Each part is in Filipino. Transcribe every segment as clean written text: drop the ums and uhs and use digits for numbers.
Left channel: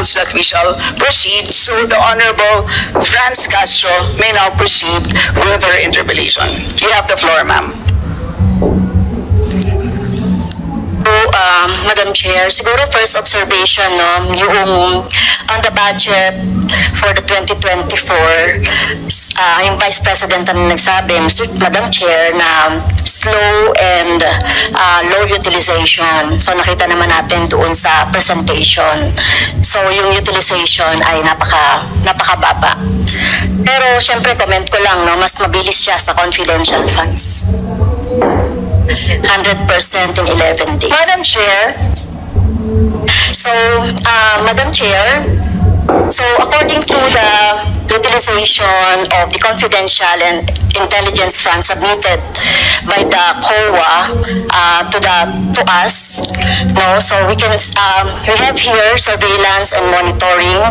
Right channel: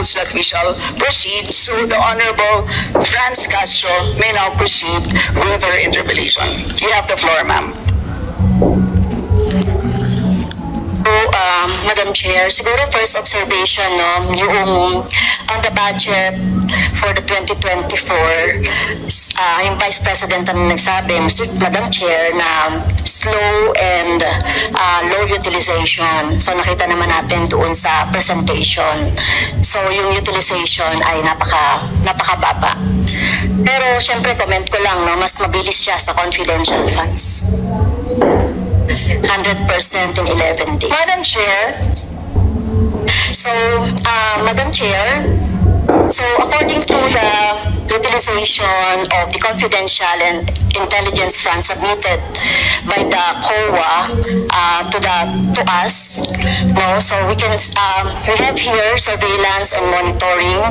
rules that we shall proceed. So the Honorable Franz Castro may now proceed with her interpellation. You have the floor, ma'am. Madam Chair, siguro first observation, no, yung on the budget for the 2024, yung Vice President ang nagsabi, Madam Chair, na slow and low utilization. So nakita naman natin doon sa presentation. So yung utilization ay napakababa. Pero syempre comment ko lang, no, mas mabilis siya sa confidential funds. 100% in 11 days. Madam Chair, so according to the utilization of the confidential and intelligence funds submitted by the COA to us, no, so we have here surveillance and monitoring.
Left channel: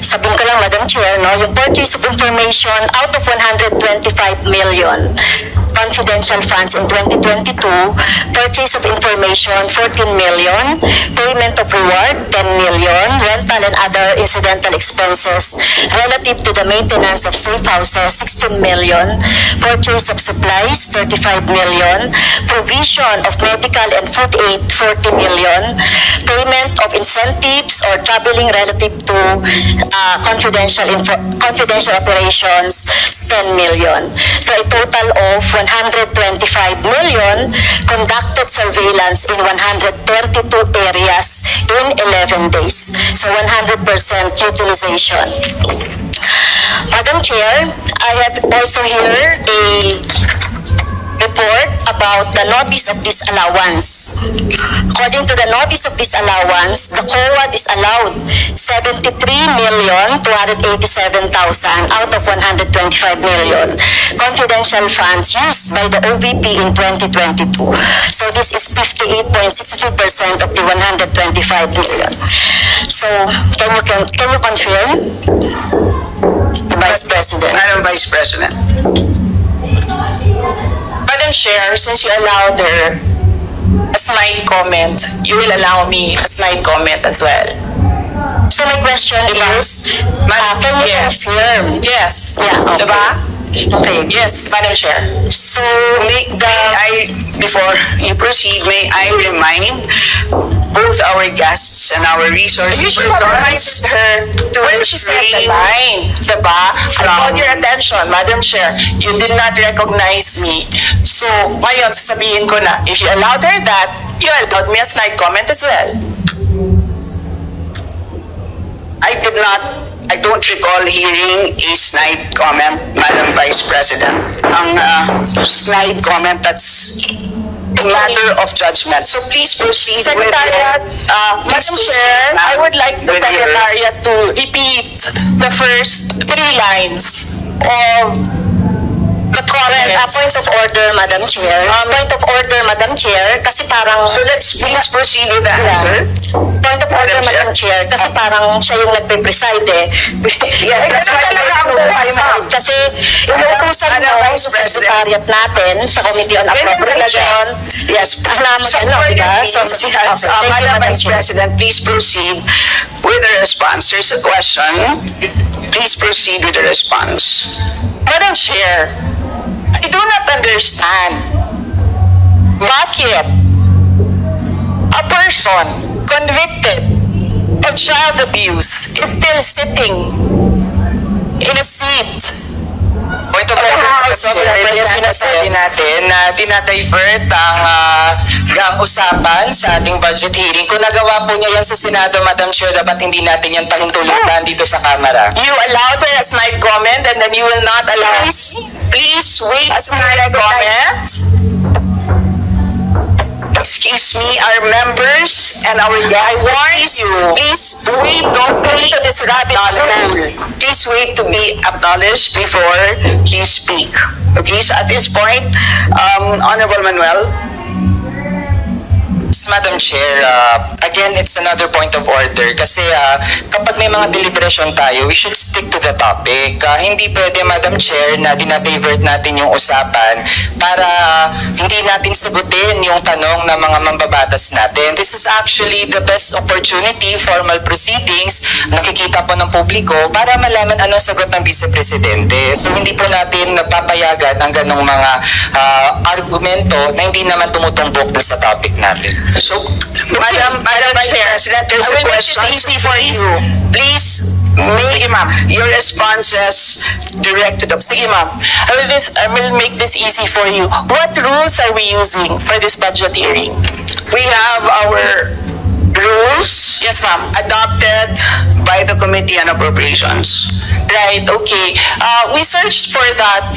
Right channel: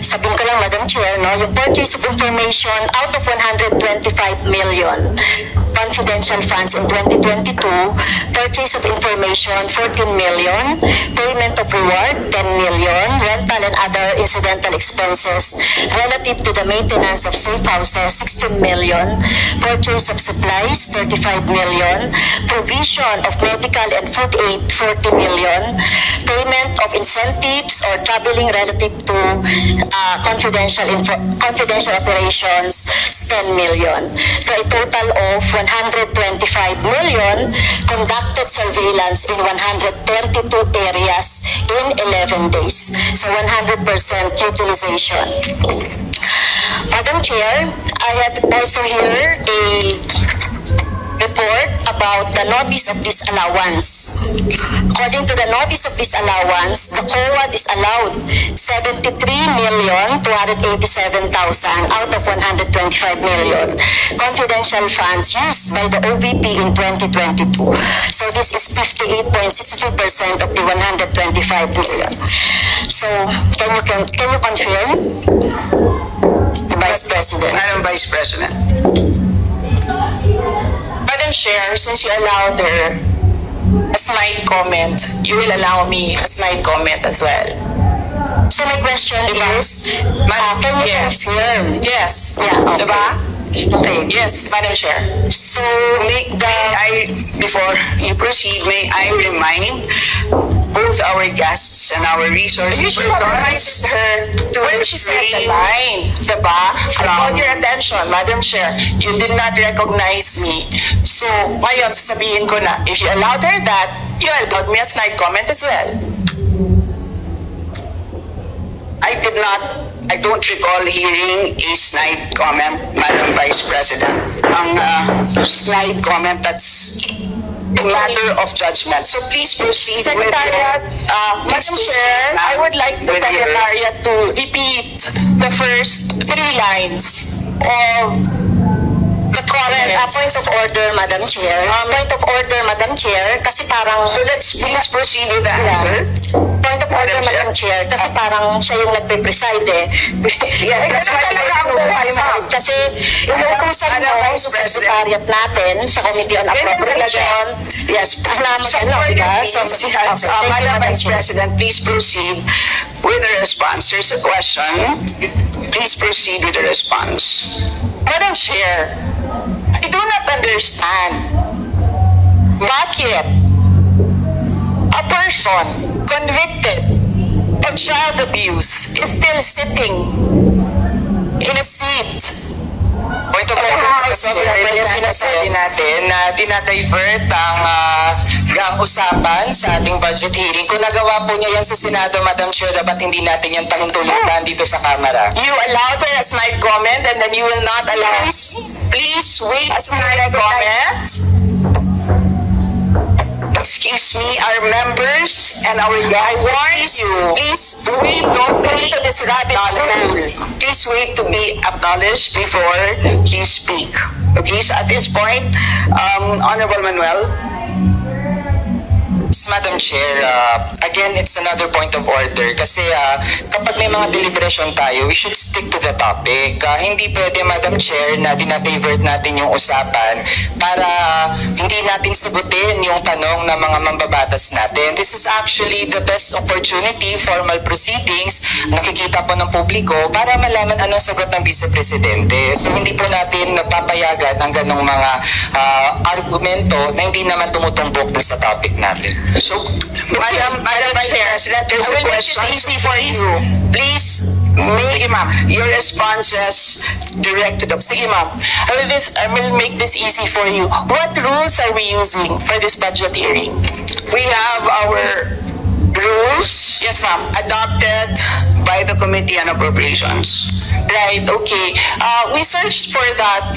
Sabihin ko lang, Madam Chair, no, yung purchase of information out of 125 million confidential funds in 2022, purchase of information 14 million, payment of reward 10 million, rental and other incidental expenses relative to the maintenance of safe houses 16 million, purchase of supplies 35 million, provision of medical and food aid 40 million, payment of incentives or traveling relative to confidential operations 10 million. So a total of 125 million, conducted surveillance in 132 areas in 11 days. So 100% utilization. Madam Chair, I have also here the report about the notice of disallowance. According to the notice of disallowance, the COA disallowed 73,287,000 out of 125 million confidential funds used by the OVP in 2022. So this is 58.62% of the 125 million. So can you confirm, Vice President? Madam Vice President. Madam Chair, since you allowed her a snide comment, you will allow me a snide comment as well. So my question is, can you confirm? Yes. Yeah, okay. Diba? Okay. Yes, Madam Chair. So before you proceed, may I remind both our guests and our resource You should have reminded her when she said the line, diba? I called your attention, Madam Chair. You did not recognize me. So, ngayon, sasabihin ko na, if you allowed her that, you allowed me a snide comment as well. I don't recall hearing a snide comment, Madam Vice President. Ang snide comment, that's a matter of judgment. So please proceed with Secretariat, Madam Chair, I would like the Secretariat to repeat the first 3 lines of the comments. Point of order, Madam Chair. Point of order, Madam Chair, kasi parang... So let's please proceed with the answer. Point of order, Madam Chair, kasi parang siya yung nagpe-preside eh. That's why Kasi inuutusan mo sa Secretariat natin sa Committee on Appropriation. Yes, Alam mo diba? So, Madam Vice President, please proceed with the response. There's a question. Please proceed with the response. Madam Chair, I do not understand bakit a person convicted of child abuse is still sitting in a seat. Point of order, yung sinasabi natin na dinadivert ang usapan sa ating budget hearing. Kung nagawa po niya yan sa Senado, Madam Chair, dapat hindi natin yan pahintulutan dito sa Kamara. You allowed her a snide comment and then you will not allow. Please wait a snide comment. Excuse me, our members and our guys, I warn you, please wait, don't come to this rabbit hole. Please wait to be acknowledged before you speak. Okay, so at this point, Honorable Manuel. Madam Chair. Again, it's another point of order kasi kapag may mga deliberation tayo, we should stick to the topic. Hindi pwede, Madam Chair, na dinadivert natin yung usapan para hindi natin sagutin yung tanong ng mga mambabatas natin. This is actually the best opportunity, formal proceedings, nakikita po ng publiko para malaman ano sagot ng Vice Presidente. So hindi po natin napapayagan ang ganong mga argumento na hindi naman tumutumbok sa topic natin. So, Madam Chair, Senator, I will make it easy for you. Please make your responses direct to the... Sige, ma'am. I will make this easy for you. What rules are we using for this budget hearing? We have our rules, yes, ma'am, adopted by the Committee on Appropriations. Right, okay. We searched for that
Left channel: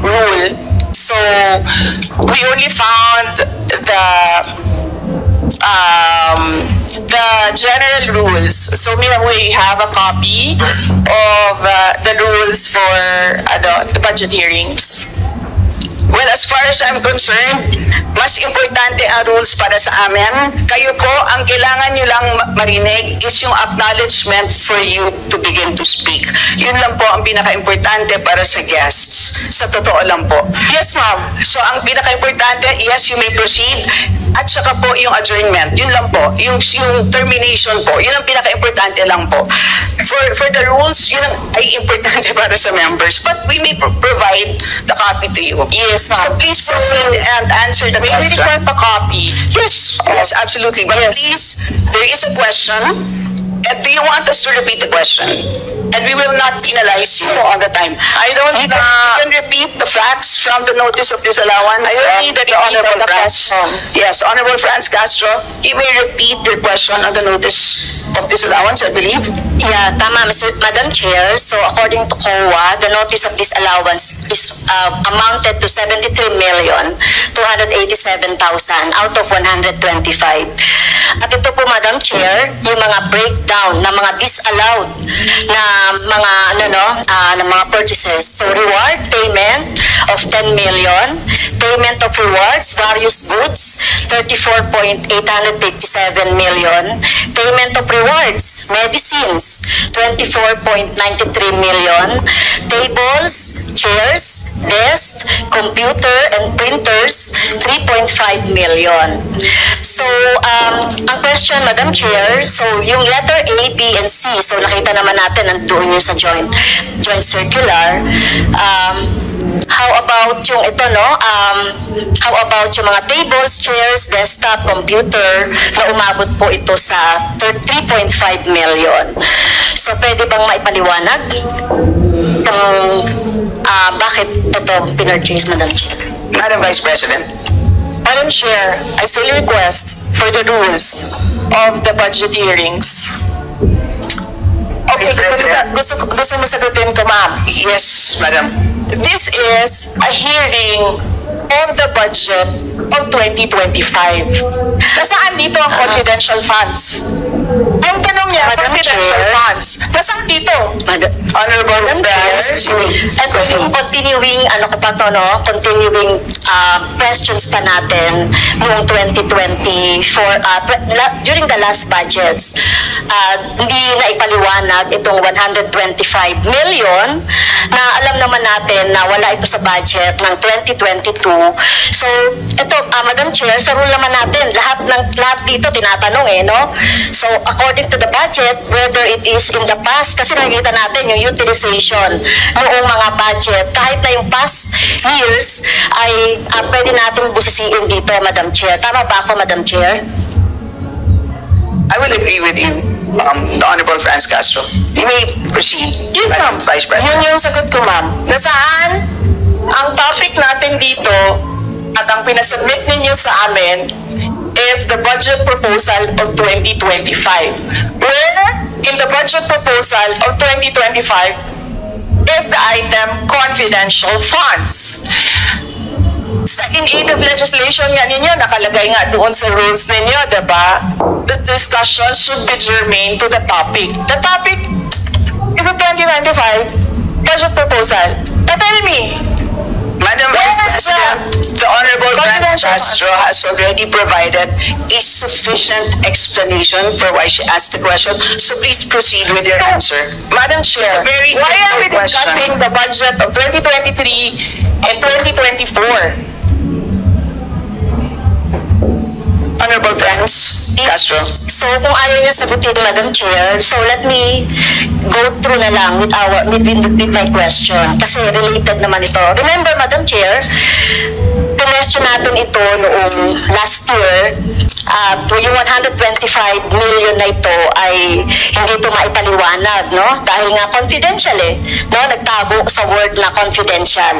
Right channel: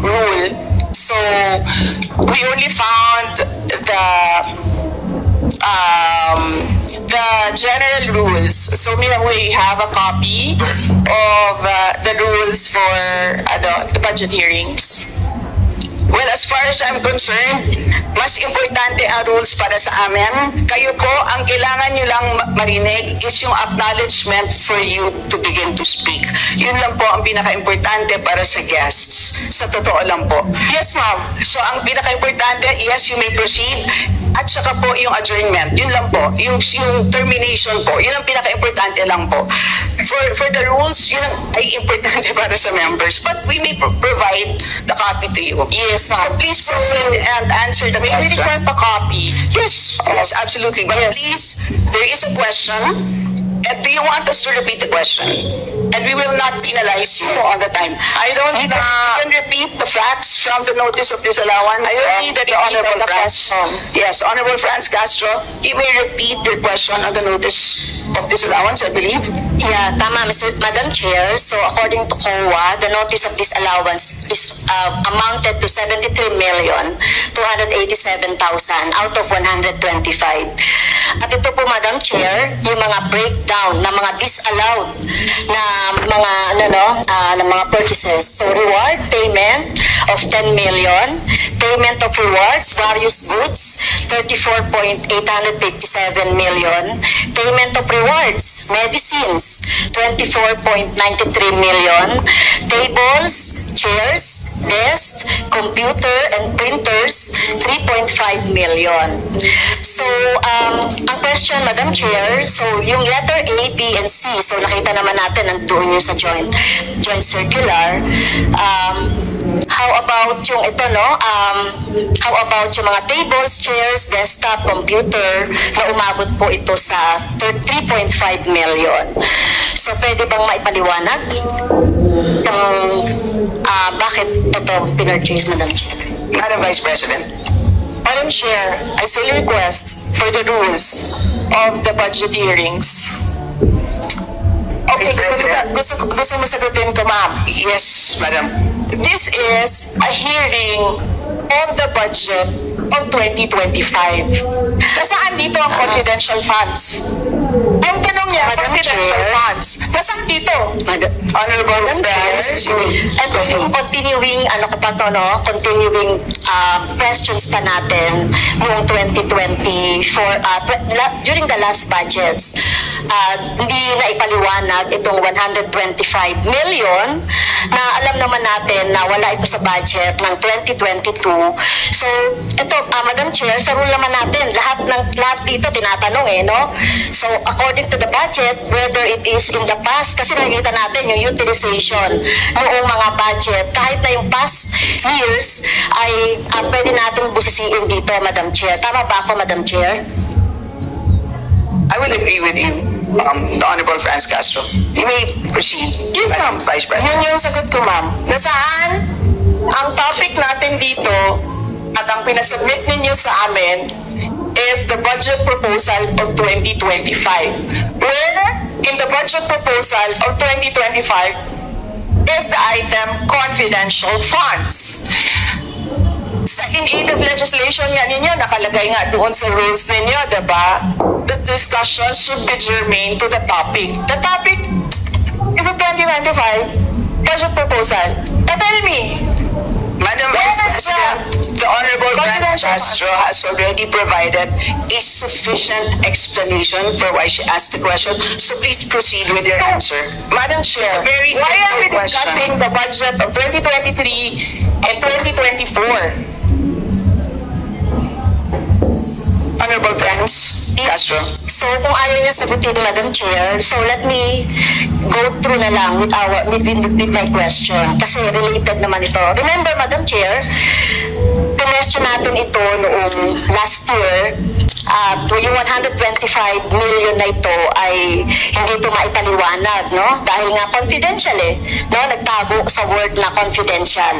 rule. So, we only found the general rules. So, we have a copy of the rules for the budget hearings. Well, as far as I'm concerned, mas importante ang rules para sa amin. Kayo po, ang kailangan nyo lang marinig is yung acknowledgement for you to begin to speak. Yun lang po ang pinaka-importante para sa guests. Sa totoo lang po. Yes, ma'am. So, ang pinaka-importante, yes, you may proceed. At saka po yung adjournment. Yun lang po. Yung termination po. Yun ang pinaka-importante lang po. For the rules, yun ay importante para sa members. But we may provide the copy to you. Yes, ma'am. Please proceed and answer the question. May we request a copy? Yes, yes, absolutely. But please, there is a question. And do you want us to repeat the question? And we will not penalize you all the time. I don't think you can repeat the facts from the notice of disallowance. I don't need the Honorable Franz. Yes, Honorable Franz Castro, you may repeat your question on the notice of disallowance, I believe. Yeah, tama, Madam Chair. So according to COA, the notice of disallowance is amounted to 73,287,000 out of 125. At ito po, Madam Chair, yung mga breakdown ng mga disallowed na mga na mga purchases. So reward payment of 10 million, payment of rewards, various goods, 34.857 million, payment of rewards, medicines, 24.93 million, tables, chairs, desks, computer and printers, 3.5 million. So, ang question, Madam Chair, so yung letter A, B, and C, so nakita naman natin nandoon yung sa joint circular. How about yung ito, no? How about yung mga tables, chairs, desktop, computer na umabot po ito sa 3.5 million. So, pwede bang maipaliwanag bakit ito pinurchase, Madam Chair? Madam Vice President. Madam Chair, I still request for the rules of the budget hearings. Okay, gusto mo sagutin ko, ma'am? Yes, madam. This is a hearing of the budget of 2025. Nasaan dito ang confidential funds? Ang tanong niya, confidential funds. Nasaan dito? Honorable Friends. And continuing, continuing questions pa natin noong 2024, during the last budgets, hindi na ipaliwanag itong 125 million na alam naman natin na wala ito sa budget ng 2022. So, ito, Madam Chair, sa rule naman natin, lahat dito tinatanong no? So, according to the budget, whether it is in the past, kasi nakikita natin yung utilization noong mga budget, kahit na yung past years, ay pwede natin busisiin dito, Madam Chair. Tama ba ako, Madam Chair? I will agree with you, the Honorable Franz Castro. You may proceed. Yes, ma'am. Vice President. Yun yung sagot ko, ma'am. Nasaan ang topic natin dito at ang pinasubmit ninyo sa amin is the budget proposal of 2025. Where in the budget proposal of 2025 is the item confidential funds. In aid of legislation nga ninyo, nakalagay nga doon sa rules ninyo, diba? The discussion should be germane to the topic. The topic is the 2025 budget proposal. Now tell me, Madam Vice President, the Honorable Franz Castro has already provided a sufficient explanation for why she asked the question. So please proceed with your answer. Madam Chair, why are we discussing the budget of 2023 and 2024? Honorable Franz Castro. So kung ayaw niya sagutin, Madam Chair, so let me go through na lang with my question. Kasi related naman ito. Remember, Madam Chair, question natin ito noong last year. Yung 125 million na ito ay hindi ito maipaliwanag, no? Dahil nga confidential no? Nagtago sa word na confidential.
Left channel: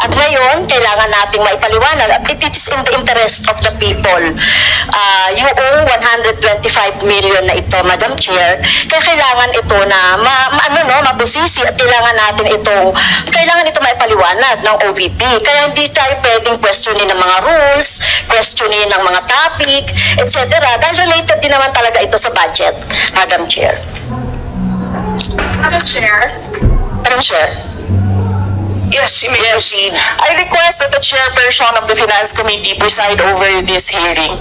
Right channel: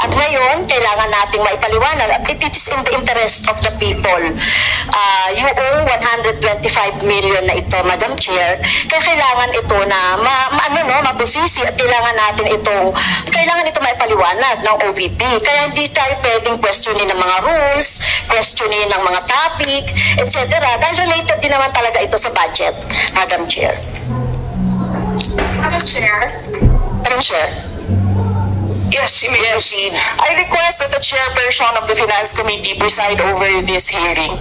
At ngayon, kailangan nating maipaliwanag at it is in the interest of the people. Yung 125 million na ito, Madam Chair, kaya kailangan ito na mabusisi at kailangan ito maipaliwanag ng OVP. Kaya hindi tayo pwedeng questionin ng mga rules, questionin ng mga topic, etc. Dahil related din naman talaga ito sa budget, Madam Chair. Madam Chair? Madam Chair? Yes, you may proceed. I request that the chairperson of the Finance Committee preside over this hearing.